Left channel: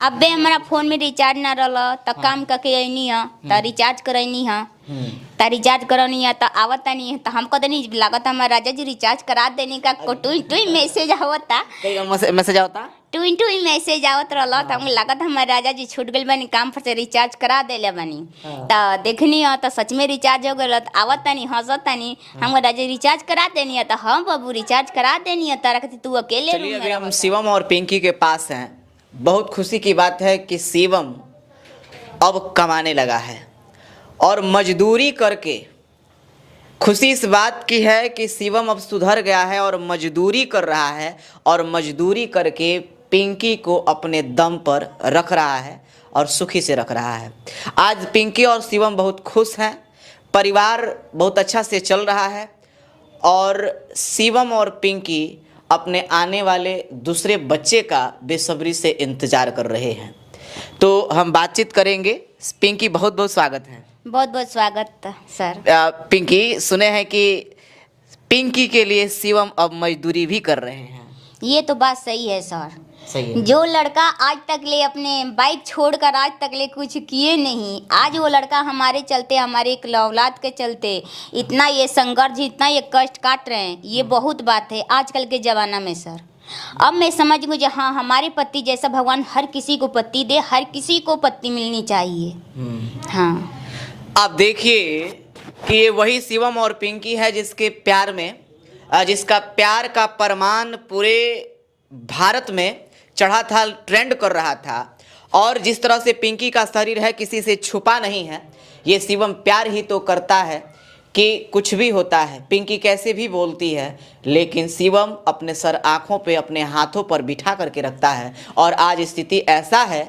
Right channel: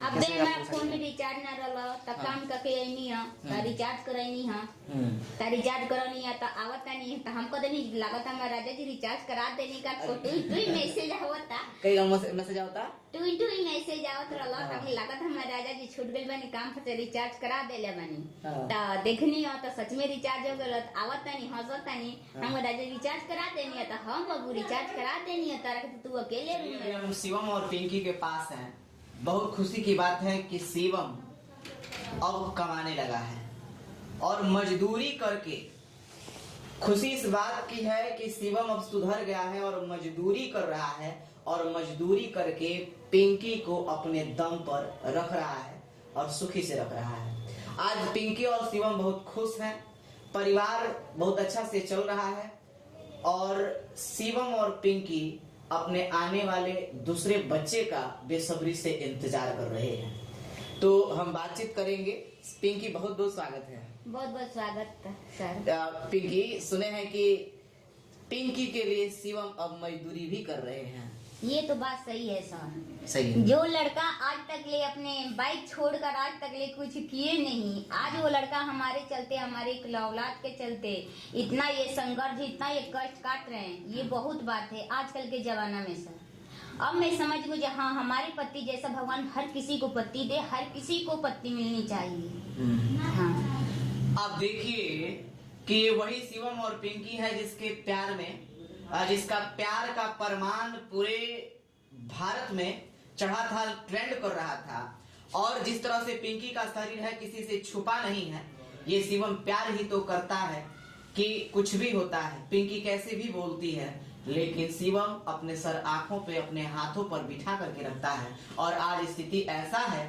अबे हमारा फोन में रिचार्ज ना रहल त काम करके अइनी ह त रिचार्ज करैनी ह त रिचार्ज करनी है त आवता नहीं है त हमको तो नहीं लागत हमारा राजा जी रिचार्ज करा देने का टुई टुई मैसेज आवता मैसेज आवता टुई मैसेज आवत रहल त हमको लागत हमारा राजा जी छूट गइल बानी काम पर से रिचार्ज करा देले बानी त देखनी ह त सच में रिचार्ज हो गइल त आवता नहीं हंसता नहीं हमको राजा जी रिचार्ज करा देनी है त हाँ बाबू रिचार्ज करा देनी है तारा कहती तू अकेले चलिए अभी हम शिवम और पिंकी के पास हैं। बहुत खुशी की बात है कि शिवम अब कमाने लगा है और मजदूरी करके खुशी इस बात की है कि शिवम अब सुधर गया है और मजदूरी कर रहा है और मजदूरी करके पिंकी को अपने दम पर रख रहा है और सुखी से रख रहा है। आज पिंकी और शिवम बहुत खुश हैं, परिवार बहुत अच्छा से चल रहा है और शिवम और पिंकी अपने आने वाले दूसरे बच्चे का बेसब्री से इंतजार कर रहे हैं। तो हम बातचीत करेंगे। पिंकी बहुत बहुत स्वागत है। बहुत बहुत स्वागत सर। पिंकी, सुने हैं कि पिंकी के लिए शिवम अब मजदूरी भी कर रहे हैं। ये तो बात सही है सर। सही है। जो लड़का आज तक ले अपने बाइक छोड़कर आज तक ले कुछ किए नहीं, आज वो लड़का हमारे चलते, हमारे एक औलाद के चलते इतना ये संघर्ष, इतना ये कष्ट काट रहे हैं, ये बहुत बात है आजकल के ज़माना में सर। अब मैं समझ गई हाँ, हमारे पति जैसा भगवान हर किसी को पति दे, हर किसी को पति मिलनी चाहिए। हाँ, आप देखिए कि ये वही शिवम और पिंकी है जिसके प्यार में, जिसका प्यार का परमान पूरे भारत में चढ़ा था, ट्रेंड कर रहा था। और जिस तरह से पिंकी का शरीर है किसी से छुपा नहीं है। ये शिवम प्यार ही तो करता है कि कुछ भी होता है, पिंकी कैसे भी बोलती है, लेकिन शिवम अपने सर आँखों पे, अपने हाथों पर बिठा करके रखता है। और आज स्थिति ऐसा है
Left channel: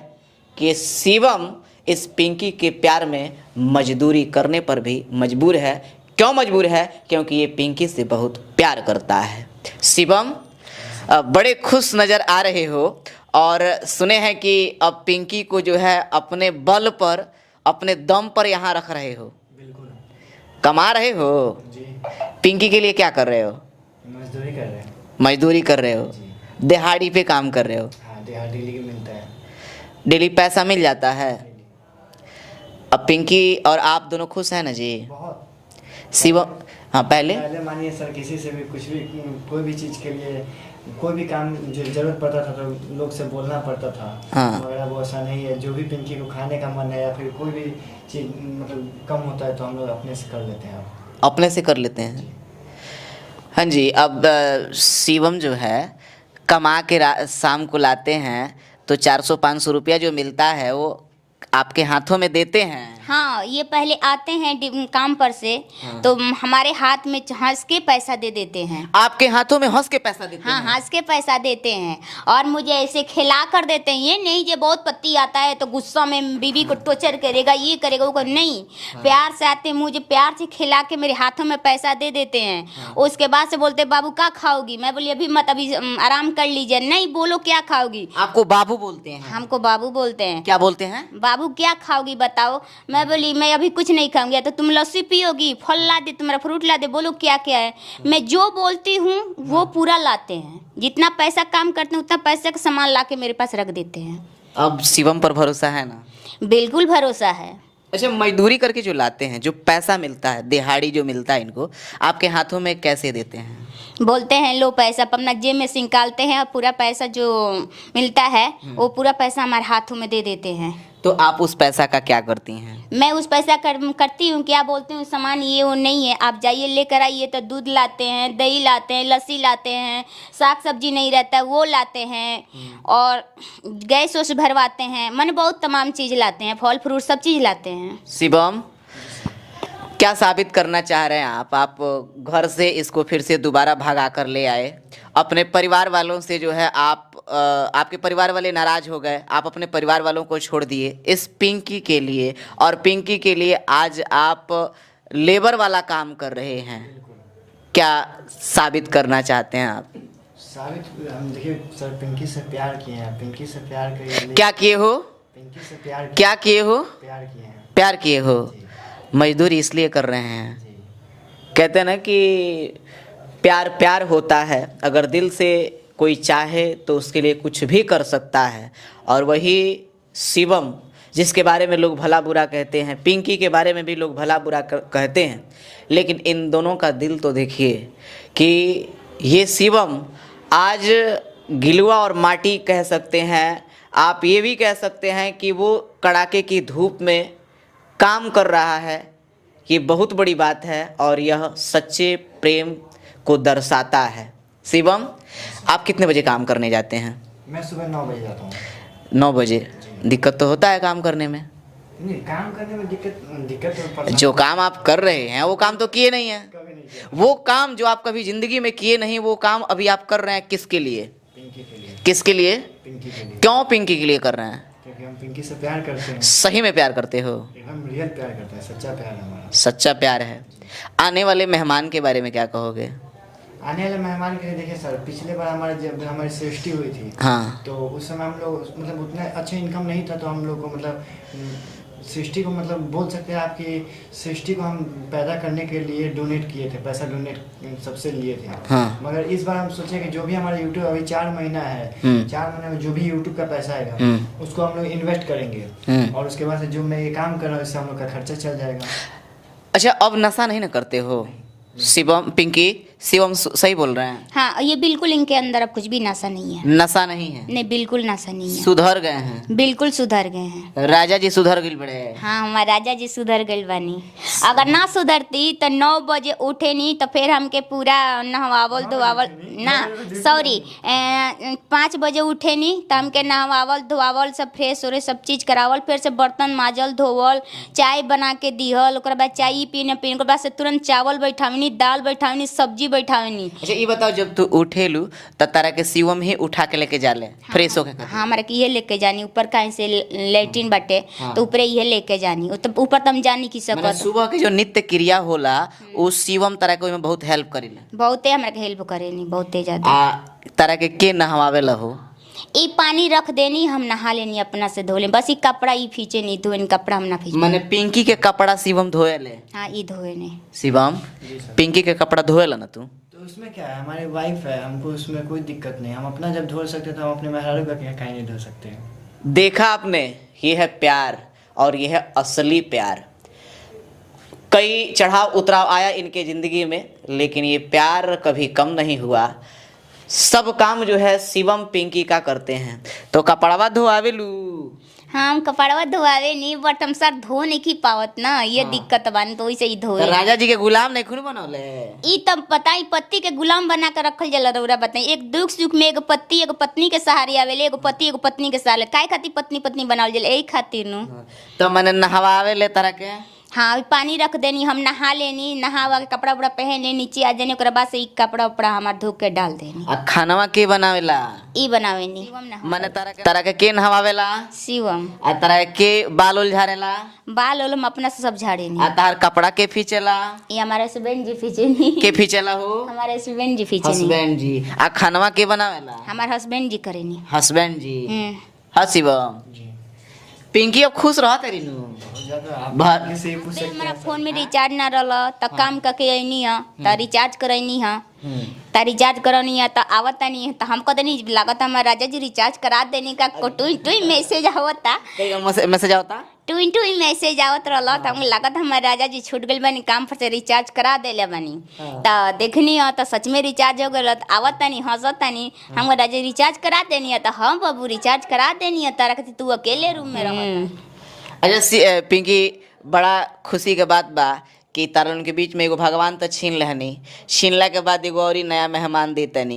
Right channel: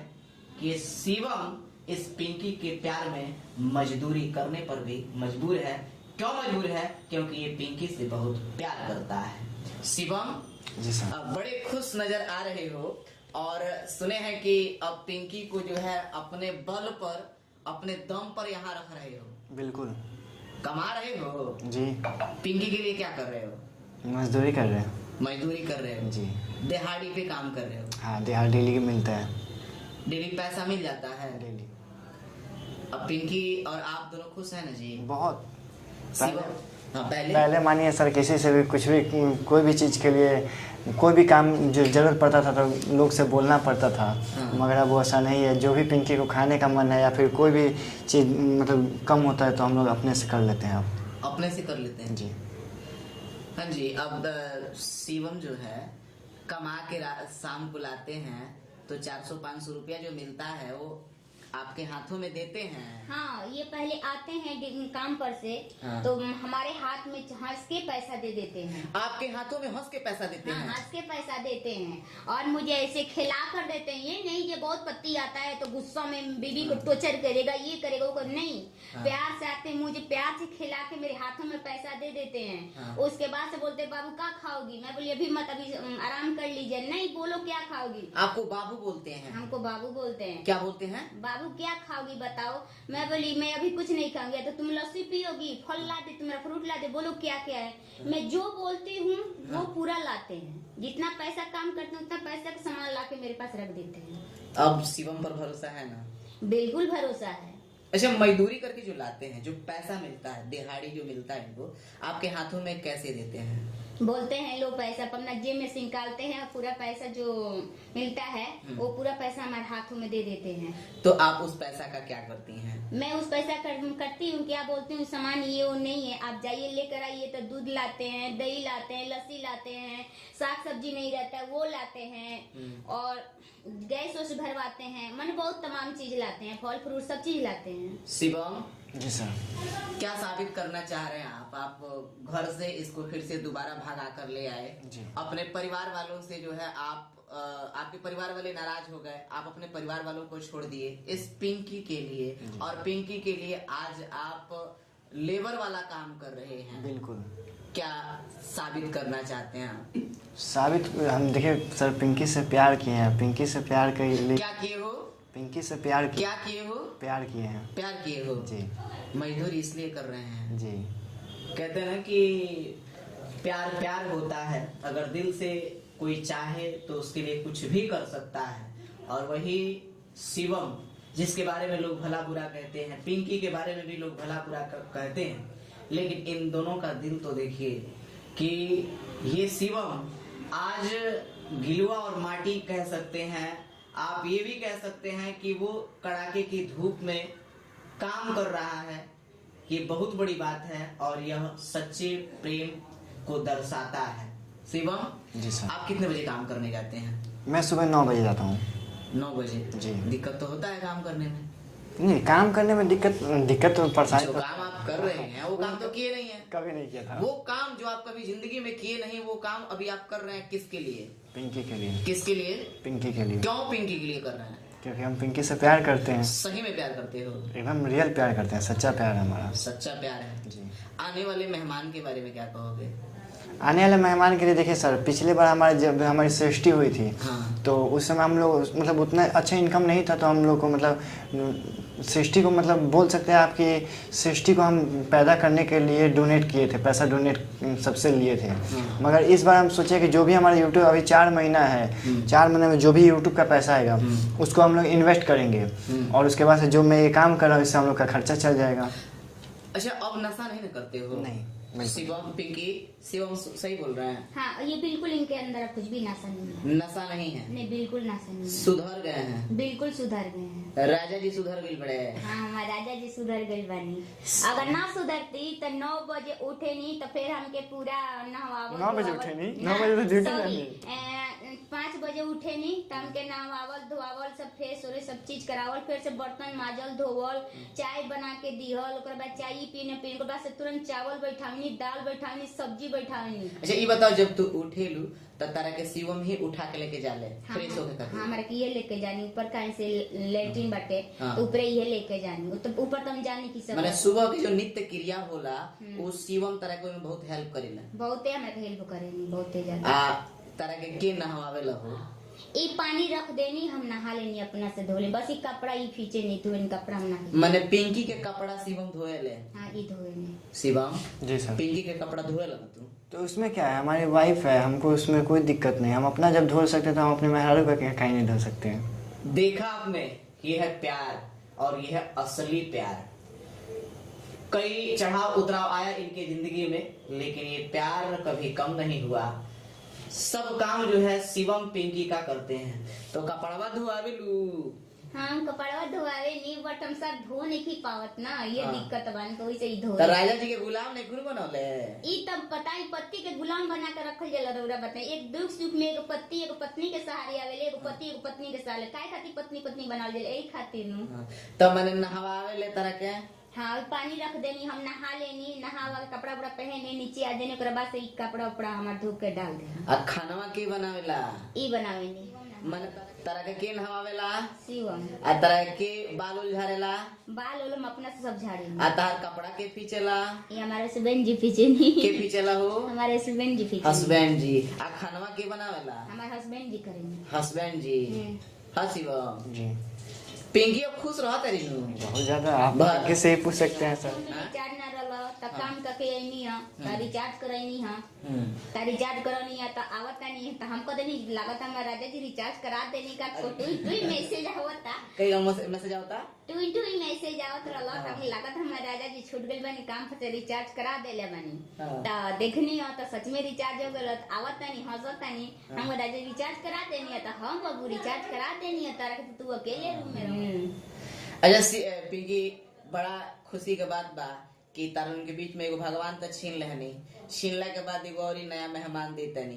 कि शिवम इस पिंकी के प्यार में मजदूरी करने पर भी मजबूर है। क्यों मजबूर है? क्योंकि ये पिंकी से बहुत प्यार करता है। शिवम, बड़े खुश नज़र आ रहे हो और सुने हैं कि अब पिंकी को जो है अपने बल पर, अपने दम पर यहाँ रख रहे हो। बिल्कुल। कमा रहे हो जी। पिंकी के लिए क्या कर रहे हो? मजदूरी कर रहे हैं। मजदूरी कर रहे हो जी। दिहाड़ी पे काम कर रहे हो। हाँ, दिहाड़ी डेली मिलता है। डेली पैसा मिल जाता है। अब पिंकी और आप दोनों खुश हैं ना जी? बहुत। शिवम, हाँ पहले मानिए सर, किसी से भी कुछ भी, कोई भी चीज़ के लिए, कोई भी काम जो जरूरत पड़ता था तो लोग से बोलना पड़ता था। हाँ। मगर अब वो ऐसा नहीं है। जो भी पिंकी को खाने का मन है या फिर कोई भी चीज़ मतलब कम होता है तो हम लोग अपने से कर लेते हैं। अब अपने से कर लेते हैं। जी। हाँ जी। अब शिवम जो है कमा के शाम को लाते हैं तो 400-500 रुपया जो मिलता है वो आपके हाथों में देते हैं। हाँ, ये पहले आते हैं काम पर से। हाँ। तो हमारे हाथ में हंस के पैसा दे देते हैं। आपके हाथों में हंस के पैसा देते हाँ, हैं? हंस के पैसा देते हैं और मुझे ऐसे खिला कर देते हैं। ये नहीं, ये बहुत पति आता है तो गुस्सा में बीवी को टॉर्चर करेगा, ये करेगा, वो कर नहीं। हाँ। प्यार से आते हैं, मुझे प्यार से खिला के मेरे हाथों में पैसा दे देते हैं। हाँ। उसके बाद से बोलते बाबू क्या खाओगी? मैं बोली अभी मत, अभी आराम कर लीजिए। नहीं, बोलो क्या खाओगी? आपको बाबू बोलते हैं? हमको बाबू बोलते हैं। क्या बोलते हैं? बाबू क्या खाओगी बताओ? मैं बोली मैं अभी कुछ नहीं खाऊंगी। तो तुम लस्सी पियोगी? फल ला दे, तुम्हारा फ्रूट ला दे, बोलो क्या क्या है। मैं जो बोलती हूँ वो पूरा लाते हैं। जितना पैसा काम करते हैं उतना पैसा का सामान ला के मेरे पास रख देते हैं। अब शिवम पर भरोसा है ना? बिल्कुल भरोसा है। अच्छा, मजदूरी करके जो लाते हैं, जो पैसा मिलता है, दिहाड़ी जो मिलता है, इनको आपके हाथों में कैसे देते हैं? बोलते हैं लो पैसा अपना जेब में से निकालते हैं और पूरा पैसा जो मिलता है वो पूरा पैसा हमारे हाथों में दे देते हैं। तो आप उस पैसा का क्या करती हैं? मैं उस पैसा करती हूँ, क्या बोलती हूँ, सामान ये वो नहीं है, आप जाइए लेकर आइए। तो दूध लाते हैं, दही लाते हैं, लस्सी लाते हैं, साग सब्जी नहीं रहता वो लाते हैं और गैस वैस भरवाते हैं। मैंने बहुत तमाम चीज़ लाते हैं, फल फ्रूट सब चीज़ लाते हैं। शिवम, क्या साबित करना चाह रहे हैं आप घर से इसको फिर से दोबारा भगा कर ले आए। अपने परिवार वालों से जो है आपके परिवार वाले नाराज हो गए, आप अपने परिवार वालों को छोड़ दिए इस पिंकी के लिए, और पिंकी के लिए आज आप लेबर वाला काम कर रहे हैं। बिल्कुल। क्या साबित करना चाहते हैं आप? साबित हम देखिए सर, पिंकी से प्यार किए हैं। पिंकी से प्यार कर क्या किए हो? पिंकी से प्यार क्या किए हो? प्यार किए हैं। प्यार किए हो। जी। मजदूरी इसलिए कर रहे हैं। जी। कहते हैं ना कि प्यार प्यार होता है, अगर दिल से कोई चाहे तो उसके लिए कुछ भी कर सकता है। और वही शिवम जिसके बारे में लोग भला बुरा कहते हैं, पिंकी के बारे में भी लोग भला बुरा कहते हैं, लेकिन इन दोनों का दिल तो देखिए कि ये शिवम आज गिलुआ और माटी कह सकते हैं, आप ये भी कह सकते हैं कि वो कड़ाके की धूप में काम कर रहा है। ये बहुत बड़ी बात है और यह सच्चे प्रेम को दर्शाता है। शिवम, आप कितने बजे काम करने जाते हैं? मैं सुबह 9 बजे जाता हूँ। 9 बजे। दिक्कत तो होता है काम करने में? नहीं, काम करने में दिक्कत तो परेशानी जो काम आप कर रहे हैं वो काम तो किए नहीं है। कभी नहीं किया। वो काम जो आप कभी जिंदगी में किए नहीं, वो काम अभी आप कर रहे हैं किसके लिए? पिंकी के लिए। किसके लिए? पिंकी के लिए। क्यों पिंकी के लिए कर रहे हैं? क्योंकि हम पिंकी से प्यार करते हैं। सही में प्यार करते हो? एकदम रियल प्यार करते हैं, सच्चा प्यार है हमारा। सच्चा प्यार है। आने वाले मेहमान के बारे में क्या कहोगे? आने वाले मेहमान के लिए देखिए सर, पिछले बार जब हमारी सृष्टि हुई थी, हाँ, तो उस समय हम लोग मतलब उतना अच्छा इनकम नहीं था, तो हम लोग को मतलब सृष्टि को मतलब बोल सकते हैं आपकी सृष्टि को हम पैदा करने के लिए डोनेट किए थे, पैसा डोनेट सबसे लिए थे। हाँ। मगर इस बार हम सोचे कि जो भी हमारा यूट्यूब अभी 4 महीना है, 4 महीने में जो भी यूट्यूब का पैसा आएगा उसको हम लोग इन्वेस्ट करेंगे और उसके बाद से जो मैं ये काम कर रहा हूँ इससे हम लोग का खर्चा चल जाएगा। अच्छा, अब नशा नहीं ना करते हो? शिवम, पिंकी, शिवम सही बोल रहे हैं? हाँ, ये बिल्कुल इनके अंदर अब कुछ भी नशा नहीं है। नशा नहीं है? नहीं, बिल्कुल नशा नहीं है। सुधर गए हैं? बिल्कुल सुधर गए हैं। राजा जी सुधर गए बड़े। हाँ, हमारे राजा जी सुधर गए बानी। अगर ना सुधरती तो 9 बजे उठे नहीं तो फिर हमके पूरा नहवावल धोवावल ना, सॉरी, 5 बजे उठे नहीं तो हमके नहवावल धोवावल सब फ्रेश हो रहे सब चीज़ करावल, फिर से बर्तन माजल धोवल, चाय बना के दिहल, ओकर बाद चाय पीने ओकर बाद से तुरंत चावल बैठावनी, दाल बैठावनी, सब्जी बैठावनी। अच्छा, ये बताओ, जब तू उठेलू तो तारा के शिवम ही उठा के लेके जाले फ्रेश होके? हाँ, हमारा के ये लेके जानी, ऊपर कहीं से लेट्रिन बाटे तो ऊपर ये लेके जानी, तो ऊपर तो हम जानी की मतलब सकत। सुबह के जो नित्य क्रिया होला उस शिवम तारा के ओइमे बहुत हेल्प करेला? बहुते हमरा के हेल्प करेनी, बहुते ज्यादा। तारा के नहवावेला हो? ई पानी रख देनी, हम नहा लेनी, अपना से धो ले, बस ई कपड़ा ई फीचे नहीं धोए, कपड़ा हम ना फीचे। माने पिंकी के कपड़ा शिवम धोएले? हाँ, ई धोए नहीं। शिवम, जी सर। पिंकी के कपड़ा धोएला ना तू? तो उसमें क्या है, हमारी वाइफ है, हमको उसमें कोई दिक्कत नहीं। हम अपना जब धो सकते तो हम अपने मेहरारू का कहीं नहीं धो सकते हैं। देखा आपने, ये है प्यार और ये है असली प्यार। कई चढ़ाव उतराव आया इनके जिंदगी में, लेकिन ये प्यार कभी कम नहीं हुआ। सब काम जो है शिवम पिंकी का करते हैं। तो कपड़वा धोआवेलू? हाँ, हम कपड़वा धोआवे नहीं, बट हम सर धो नहीं की पावत ना, ये दिक्कत बानी, तो वैसे ही धोए। तो राजा जी के गुलाम नहीं खुद बनौले? ई तब बताई, पति के गुलाम बना कर रखल जाला रउरा बताई। एक दुख सुख में एगो पति एगो पत्नी के सहारे आवेले, एगो पति एगो पत्नी के सहारे। काहे खातिर पत्नी पत्नी बनावल जाला? यही खातिर नु। तो मैंने नहवावेले तरह के? हाँ, पानी रख देनी, हम नहा लेनी, नहा के कपड़ा उपड़ा पहन लेनी, नीचे आ जानी, ओकरा बाद से ई कपड़ा उपड़ा हमार धो के डाल देनी। आ खानवा के बनावेला? ई बनावेनी। माने तरह के नहवावेला? शिवम। आ तरह के बाल उल झाड़ेला? बाल ओल हम अपना से सब झाड़ेनी। आ तार कपड़ा के फीचेला? ये हमारे हस्बैंड जी फीचेनी। के फीचेला हो? हमारे हस्बैंड जी फीचेनी। हस्बैंड जी। आ खानवा के बनावेला? हमारे हस्बैंड जी करेनी। हस्बैंड जी। हाँ शिवम जी। पिंकी अब खुश रहा तेरी नु? बहुत ज़्यादा। आप बहुत। ऐसे ही पूछ सकते हमारा हैं फोन में रिचार्ज ना रहल त काम करके अइनी है, त रिचार्ज करैनी है, त रिचार्ज करनी है, त आवत नहीं है, त हमको तनी लागत हमारा राजा जी रिचार्ज करा देनी का टुई टुई मैसेज आवता, मैसेज आवता, टुई टुई मैसेज आवत रहल, त हमको लागत हमारा राजा जी छूट गइल बानी काम पर से रिचार्ज करा देले बानी। त देखनी है त सच में रिचार्ज हो गइल, त आवत तनी हंसत तनी, हमको राजा जी रिचार्ज करा देनी है, त हम बाबू रिचार्ज करा देनी है, तारा के तू अकेले रूम में रह। अच्छा पिंकी, बड़ा खुशी के बात बा कि तारन के बीच में एगो भगवान तो छीन लहनी, छीनला के बाद एगो और ही नया मेहमान देतनी।